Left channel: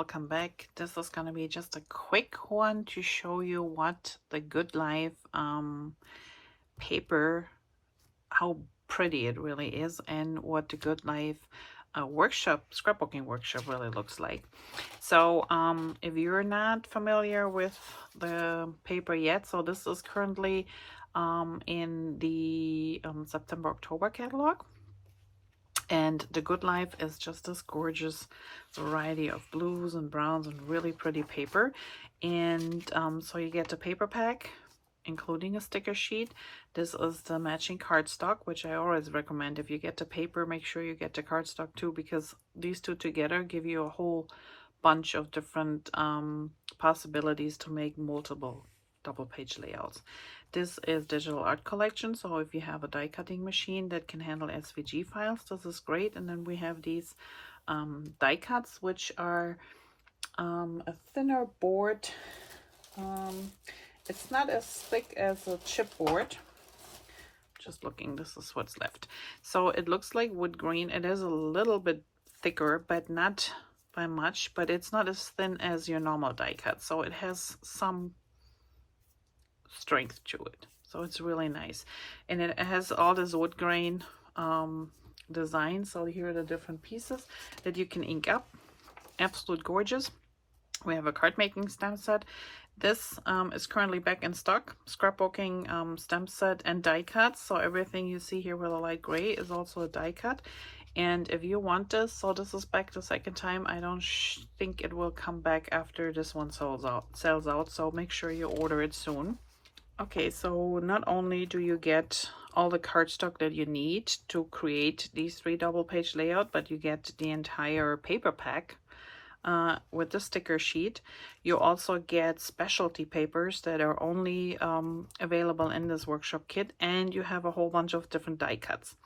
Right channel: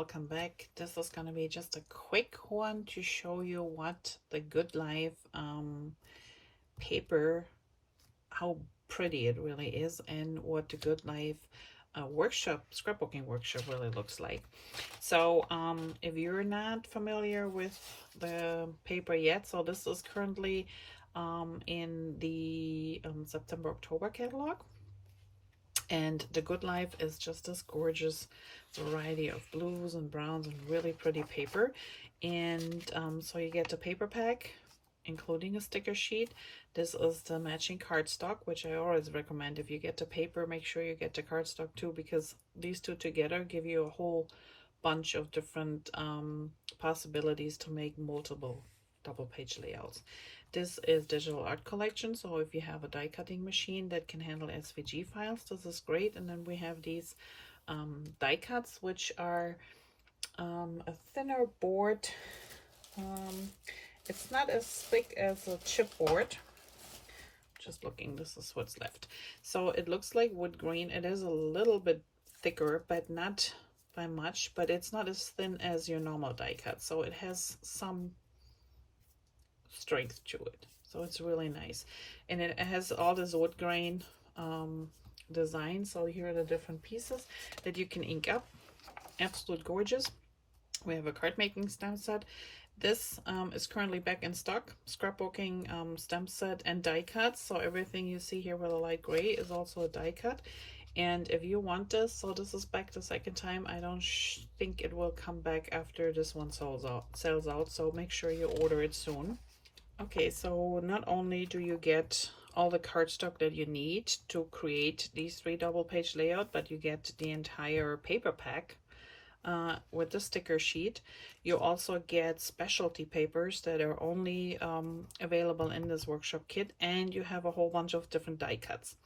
welcome back. This is going to be just a quick one to show you what the Good Life paper, how pretty it really is, and what the Good Life scrapbooking workshop really looks like. So if you're not familiar with the paper yet, so this is currently in the September-October catalog. And the Good Life is just this gorgeous variety of blues and browns and really pretty paper. And so you get the paper pack, including a sticker sheet. This is the matching cardstock, which I always recommend. If you get the paper, make sure you get the cardstock too, because these two together give you a whole bunch of different possibilities to make multiple double page layouts. This is digital art collection, so if you have a die cutting machine that can handle SVG files, this is great. And then we have these die cuts, which are a thinner board. It's not as thick as a chipboard. Just looking, this is what's left. So it looks like wood grain. It is a little bit thicker, but not by much, but it's not as thin as your normal die cut. So it has some strength to it, so it's really nice. And it has all this wood grain design. So here are the different pieces that you can ink up. Absolute gorgeous. We have a card making stamp set. This is currently back in stock. Scrapbooking stamp set and die cuts. So everything you see here with a light gray is also a die cut. And if you want this, so this is back the second time. I don't think it will come back after this one sells out. So make sure you order it soon. Okay, so not only do you get all the cardstock that you need to create these 3 double page layout, but you get the entire paper pack with the sticker sheet. You also get specialty papers that are only available in this workshop kit, and you have a whole bunch of different die cuts.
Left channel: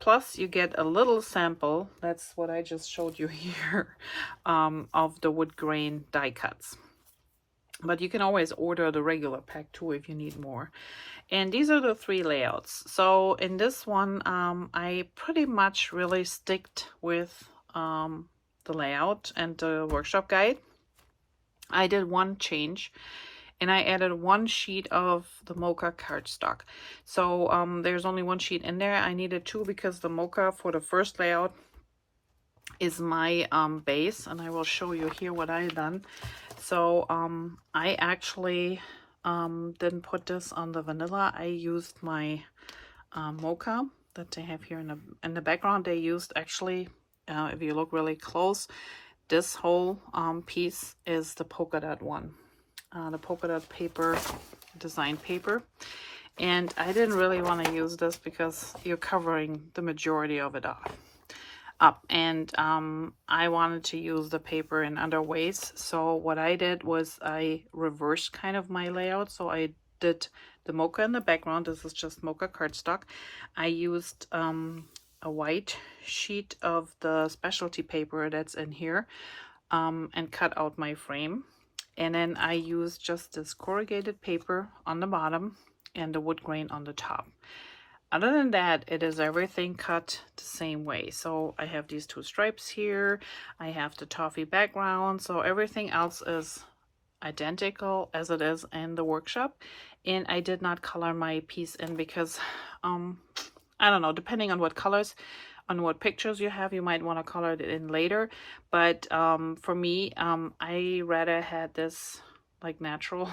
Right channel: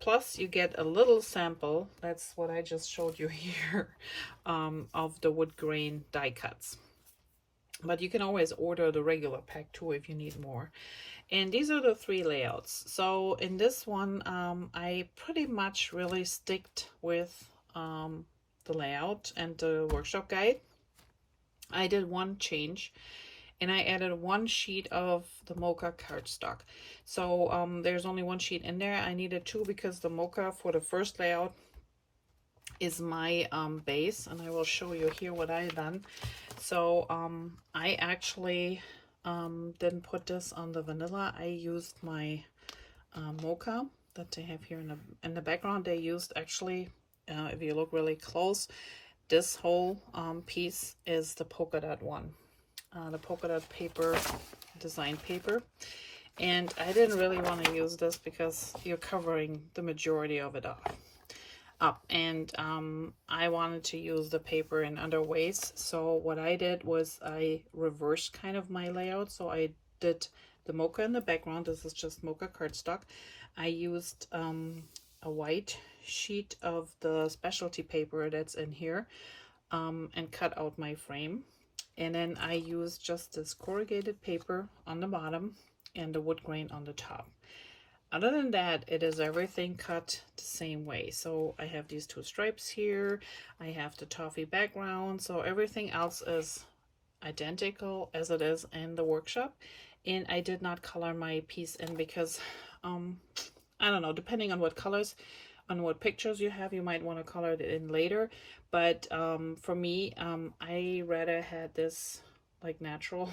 Plus you get a little sample, that's what I just showed you here, of the wood grain die cuts. But you can always order the regular pack too if you need more. And these are the 3 layouts. So in this one, I pretty much really sticked with the layout and the workshop guide. I did one change, and I added 1 sheet of the Mocha cardstock. So there's only 1 sheet in there. I needed 2 because the Mocha for the first layout is my base, and I will show you here what I've done. So I actually didn't put this on the vanilla. I used my Mocha that they have here in the background. They used actually, if you look really close, this whole piece is the polka dot one, the polka dot paper, design paper. And I didn't really want to use this because you're covering the majority of it up. And I wanted to use the paper in other ways. So what I did was I reversed kind of my layout. So I did the Mocha in the background. This is just Mocha cardstock. I used a white sheet of the specialty paper that's in here and cut out my frame. And then I used just this corrugated paper on the bottom and the wood grain on the top. Other than that, it is everything cut the same way. So I have these 2 stripes here. I have the toffee background. So everything else is identical as it is in the workshop. And I did not color my piece in because, I don't know, depending on what colors, on what pictures you have, you might want to color it in later. But for me, I rather had this like natural.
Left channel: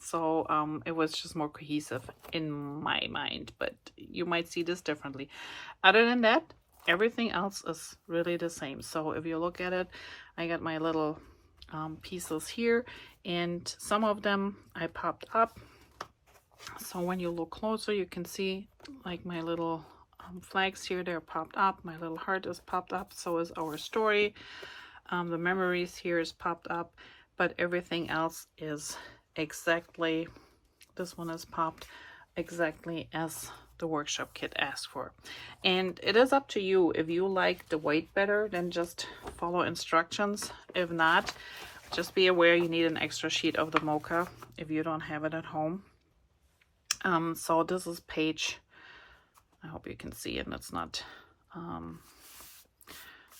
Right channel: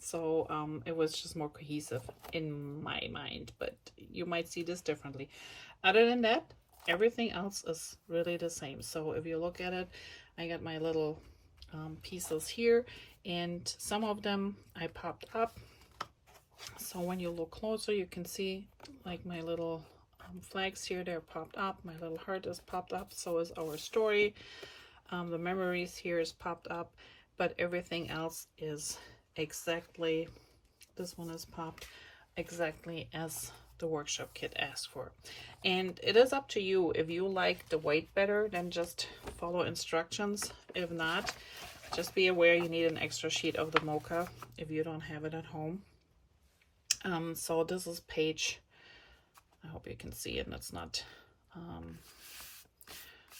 So it was just more cohesive in my mind, but you might see this differently. Other than that, everything else is really the same. So if you look at it, I got my little pieces here, and some of them I popped up. So when you look closer, you can see like my little flags here, they're popped up. My little heart is popped up. So is our story. The memories here is popped up, but everything else is exactly, this one is popped exactly as the workshop kit asked for. And it is up to you. If you like the white better, then just follow instructions. If not, just be aware you need an extra sheet of the Mocha if you don't have it at home. So this is page, I hope you can see it, and it's not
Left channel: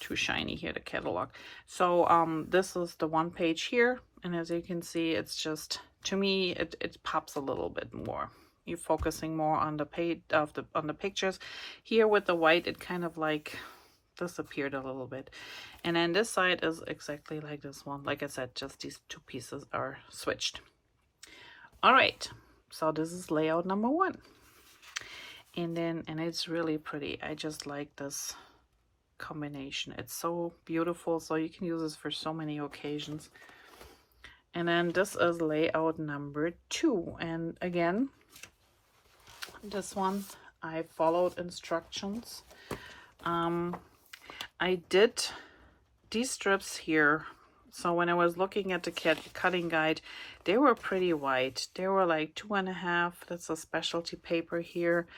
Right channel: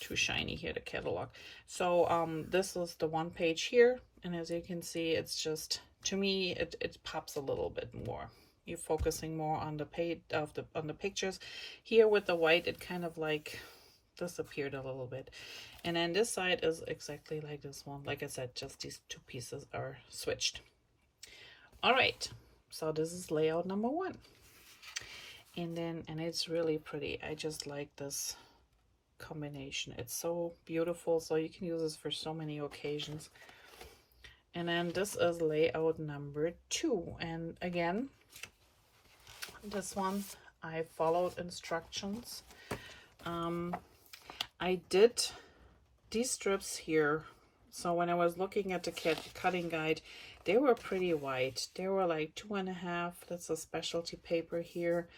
too shiny here, the catalog. So this is the one page here, and as you can see, it's just, to me, it pops a little bit more. You're focusing more on the page on the pictures. Here with the white, it kind of like disappeared a little bit. And then this side is exactly like this one. Like I said, just these two pieces are switched. All right, so this is layout number 1. And it's really pretty. I just like this combination. It's so beautiful, so you can use this for so many occasions. And then this is layout number 2. And again, this one, I followed instructions. I did these strips here. So when I was looking at the cutting guide, they were pretty white. They were like 2.5. That's a specialty paper here.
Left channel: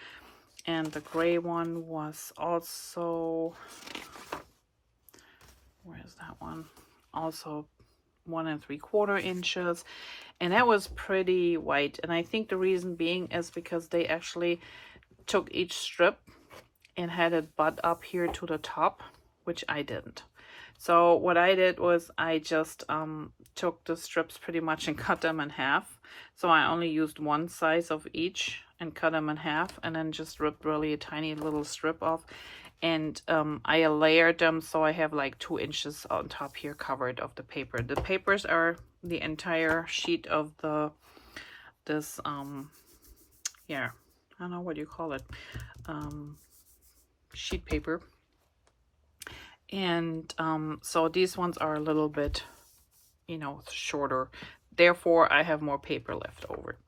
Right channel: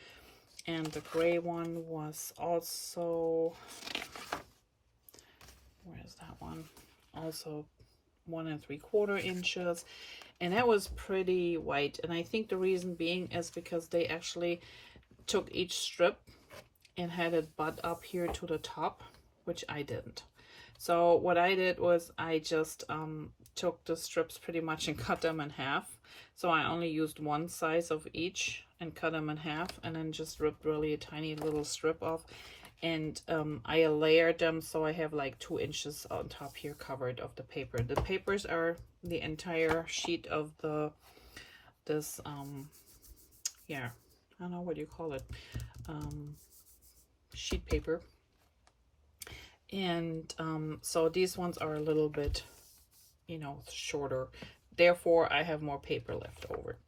And the gray one was also, where is that one? Also 1 3/4 inches. And that was pretty white. And I think the reason being is because they actually took each strip and had it butt up here to the top, which I didn't. So what I did was I just took the strips pretty much and cut them in half. So I only used one size of each and cut them in half, and then just ripped really a tiny little strip off. And I layered them, so I have like 2 inches on top here covered of the paper. The papers are the entire sheet of this yeah, I don't know what you call it, sheet paper. And so these ones are a little bit, you know, shorter. Therefore, I have more paper left over.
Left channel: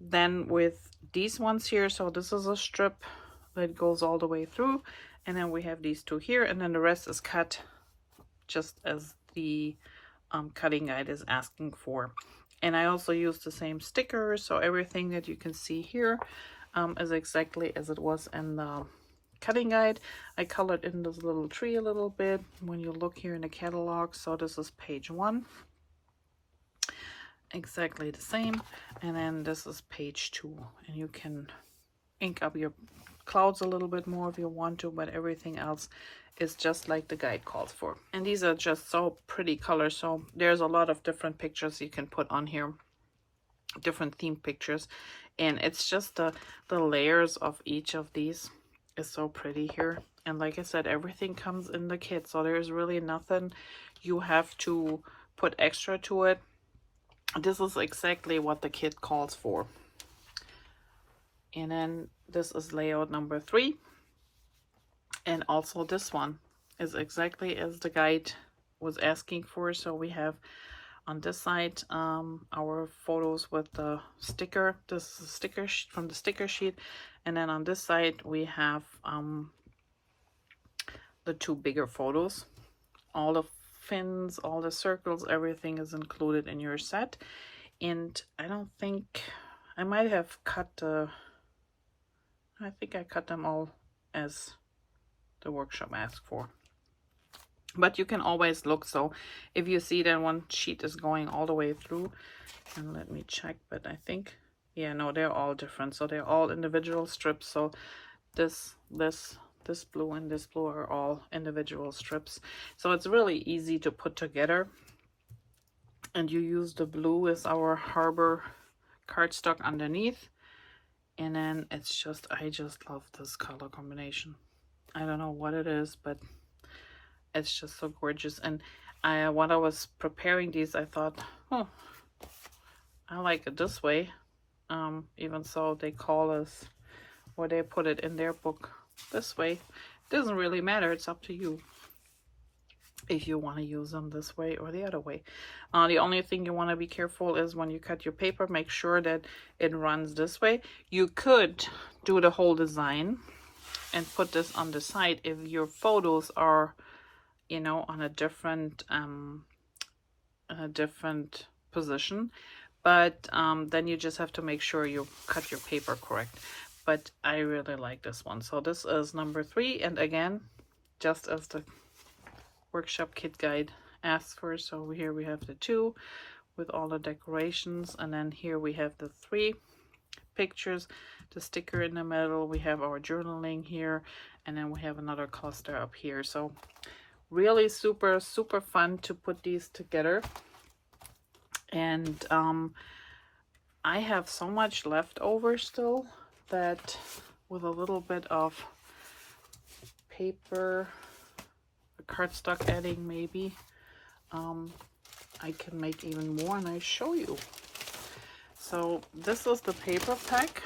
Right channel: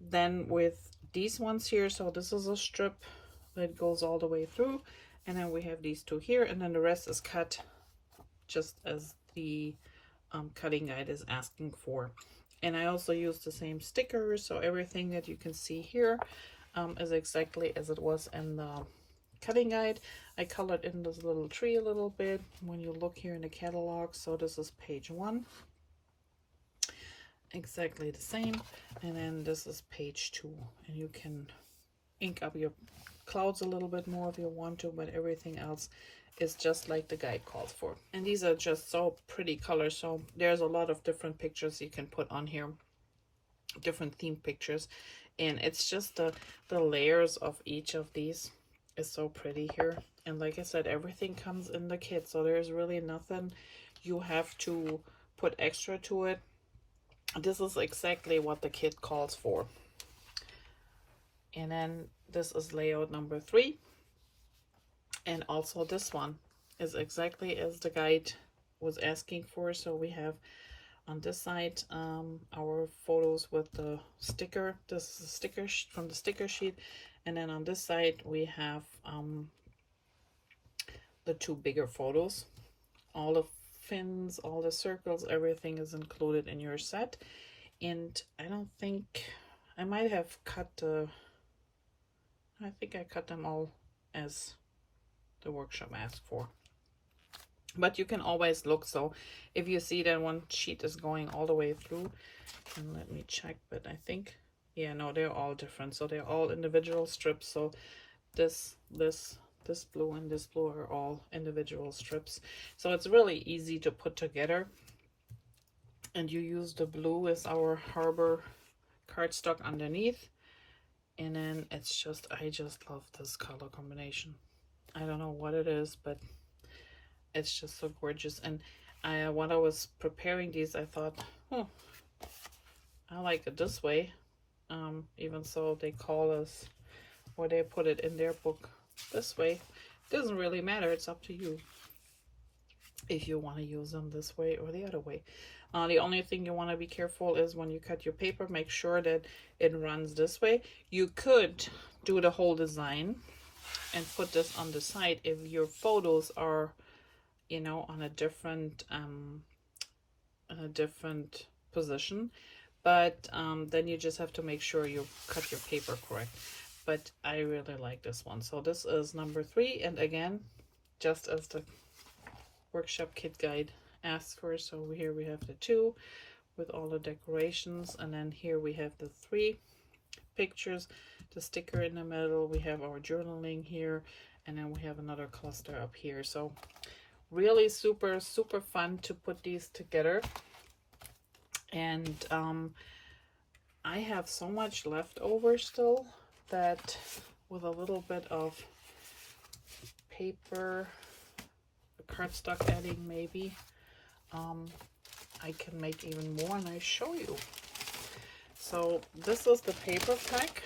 Then with these ones here, so this is a strip that goes all the way through. And then we have these 2 here. And then the rest is cut just as the cutting guide is asking for. And I also use the same stickers. So everything that you can see here is exactly as it was in the cutting guide. I colored in this little tree a little bit when you look here in the catalog. So this is page 1, exactly the same. And then this is page 2, and you can ink up your clouds a little bit more if you want to, but everything else is just like the guide calls for. And these are just so pretty colors. So there's a lot of different pictures you can put on here, different themed pictures, and it's just the layers of each of these is so pretty here. And like I said, everything comes in the kit, so there's really nothing you have to put extra to it. This is exactly what the kit calls for. And then this is layout number 3, and also this one is exactly as the guide was asking for. So we have on this side our photos with the sticker. This is a sticker from the sticker sheet. And then on this side, we have the 2 bigger photos. All the fins, all the circles, everything is included in your set. And I don't think, I might have cut I think I cut them all as the workshop asked for. But you can always look. So if you see that one sheet is going all the way through, and let me check, but I think, yeah, no, they're all different. So they're all individual strips. So this blue and this blue are all individual strips. So it's really easy to put together. And you use the blue as our harbor cardstock underneath. And then it's just, I just love this color combination. I don't know what it is, but it's just so gorgeous. And when I was preparing these, I thought, oh, I like it this way. Even so, they call us, or they put it in their book this way. It doesn't really matter. It's up to you if you want to use them this way or the other way. The only thing you want to be careful is when you cut your paper, make sure that it runs this way. You could do the whole design and put this on the side if your photos are, you know, on a different position. But then you just have to make sure you cut your paper correct. But I really like this one. So this is number 3. And again, just as the workshop kit guide asks for. So here we have the 2 with all the decorations. And then here we have the 3 pictures, the sticker in the middle. We have our journaling here. and then we have another cluster up here. So really super fun to put these together. And I have so much left over still that with a little bit of paper, cardstock adding maybe, I can make even more, and I show you. So this is the paper pack,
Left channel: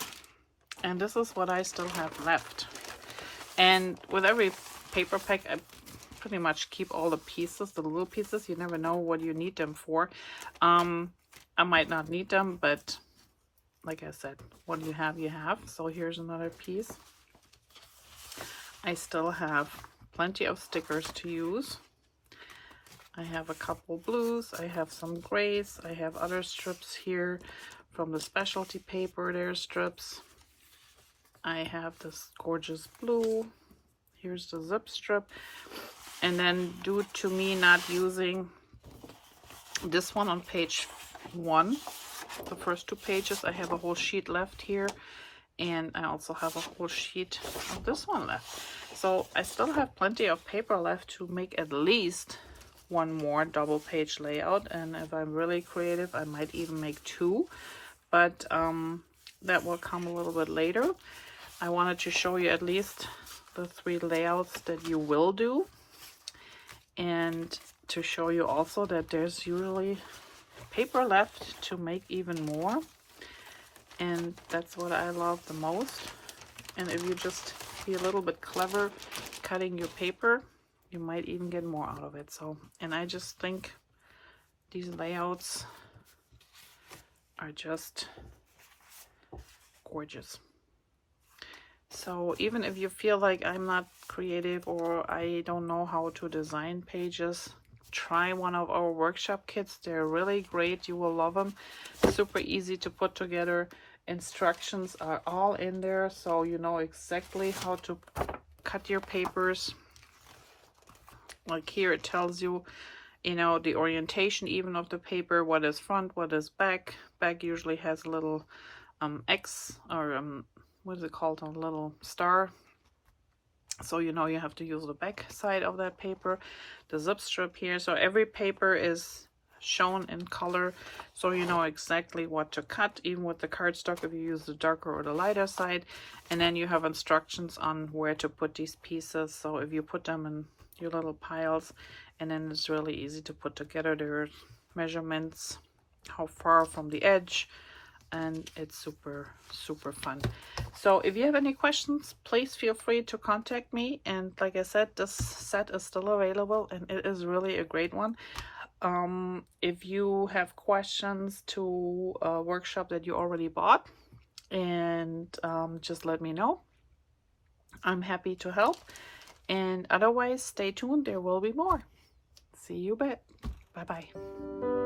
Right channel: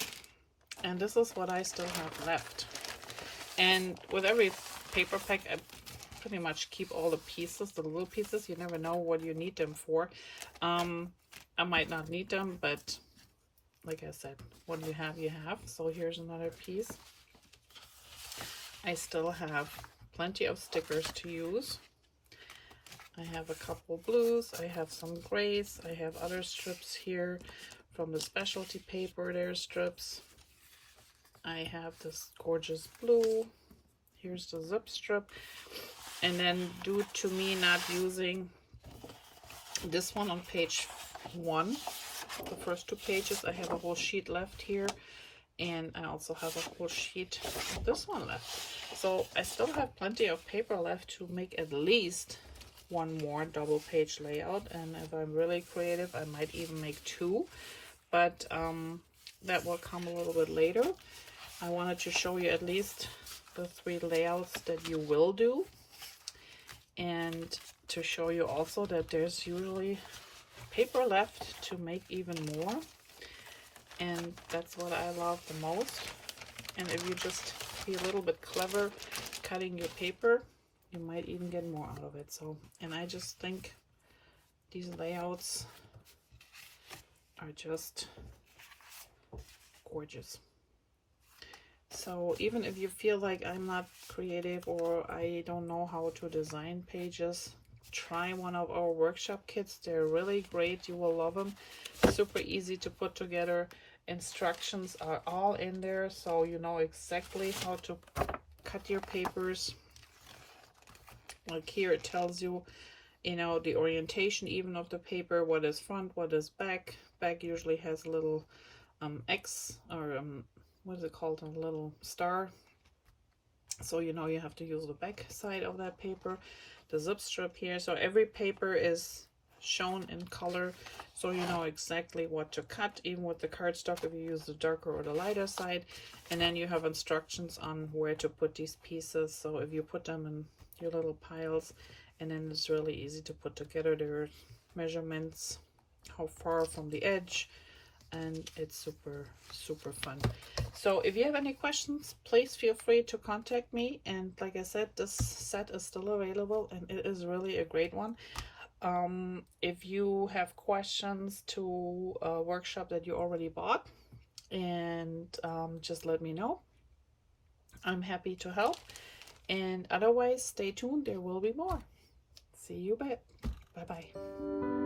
and this is what I still have left. And with every paper pack, I pretty much keep all the pieces, the little pieces. You never know what you need them for. I might not need them, but like I said, what you have, you have. So here's another piece. I still have plenty of stickers to use. I have a couple blues, I have some grays, I have other strips here from the specialty paper. There's strips. I have this gorgeous blue. Here's the zip strip. And then due to me not using this one on page 1, the first 2 pages, I have a whole sheet left here. And I also have a whole sheet of this one left. So I still have plenty of paper left to make at least one more double page layout. And if I'm really creative, I might even make 2. But that will come a little bit later. I wanted to show you at least the 3 layouts that you will do. And to show you also that there's usually paper left to make even more. And that's what I love the most. And if you just be a little bit clever cutting your paper, you might even get more out of it. So, and I just think these layouts are just gorgeous. So even if you feel like I'm not creative or I don't know how to design pages, try one of our workshop kits. They're really great. You will love them. Super easy to put together. Instructions are all in there, so you know exactly how to cut your papers. Like here it tells you, you know, the orientation even of the paper, what is front, what is back. Back usually has a little X or what is it called, a little star. So you know you have to use the back side of that paper. The zip strip here. So every paper is shown in color, so you know exactly what to cut, even with the cardstock if you use the darker or the lighter side. And then you have instructions on where to put these pieces. So if you put them in your little piles, and then it's really easy to put together. There are measurements, how far from the edge, and it's super fun. So if you have any questions, please feel free to contact me. And like I said, this set is still available, and it is really a great one. If you have questions to a workshop that you already bought, and just let me know. I'm happy to help. And otherwise, stay tuned. There will be more. See you back. Bye-bye.